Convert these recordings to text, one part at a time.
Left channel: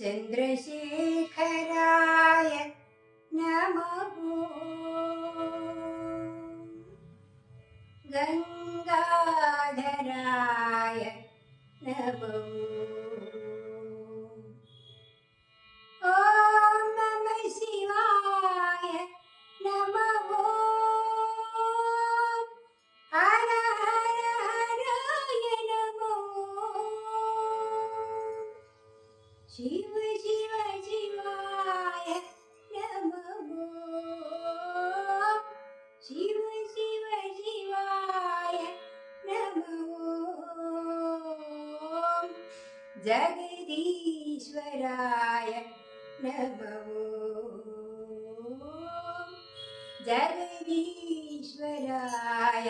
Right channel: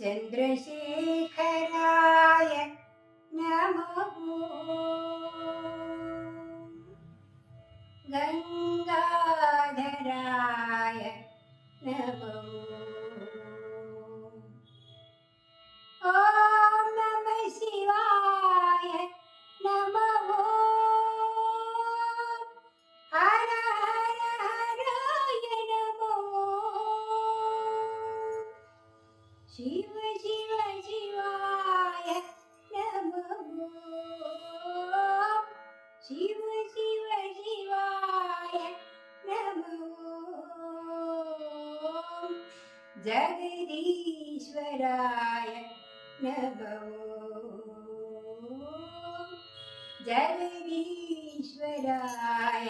ചന്ദ്രശേഖരായ നമോ. ഗംഗാധരായ നമോ. शिव शिव शिवाय नमो शिव शिव शिवाय नमो जगदीश्वराय नमो। जगदीश्वराय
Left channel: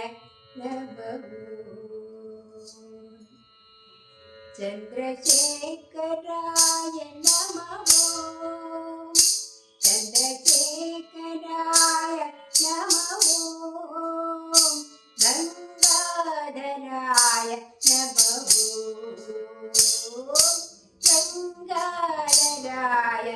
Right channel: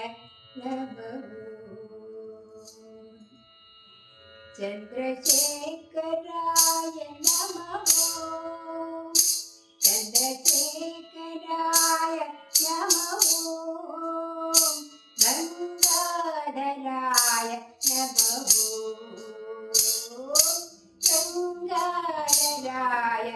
नमो। चन्द्रशेखराय नमो। चन्द्रशेखराय नमो। गङ्गाधराय दलाय नमो गङ्गा दलाय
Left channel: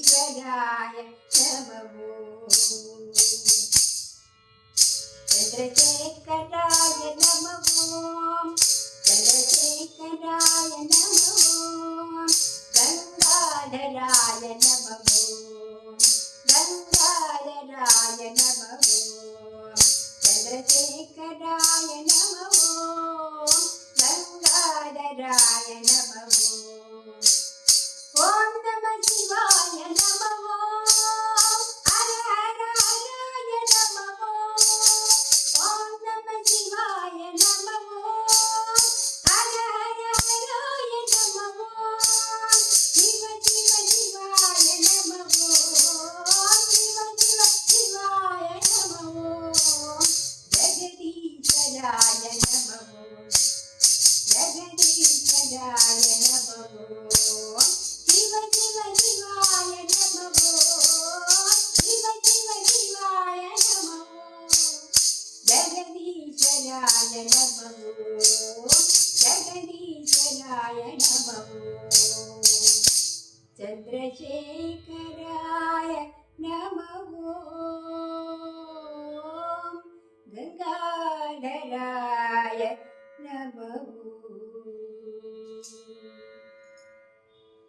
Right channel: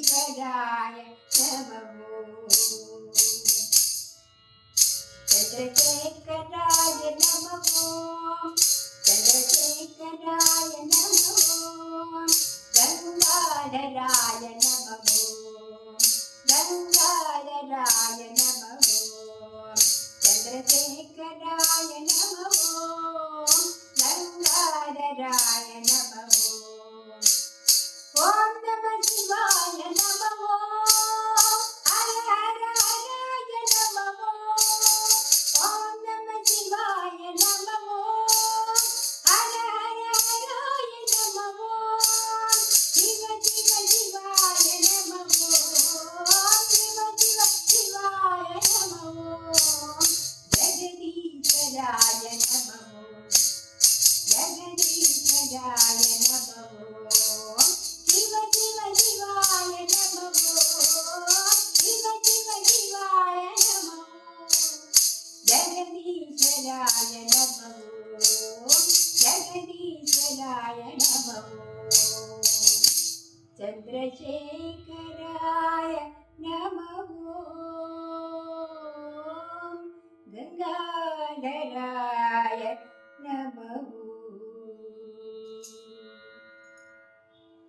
ఈశ్వరాయ శమో చంద్రశేఖరాయ నమో. చంద్రశేఖరాయ నమో. గంగాధరాయ నమో గంగాధరాయ నమో చంద్రశేఖరాయ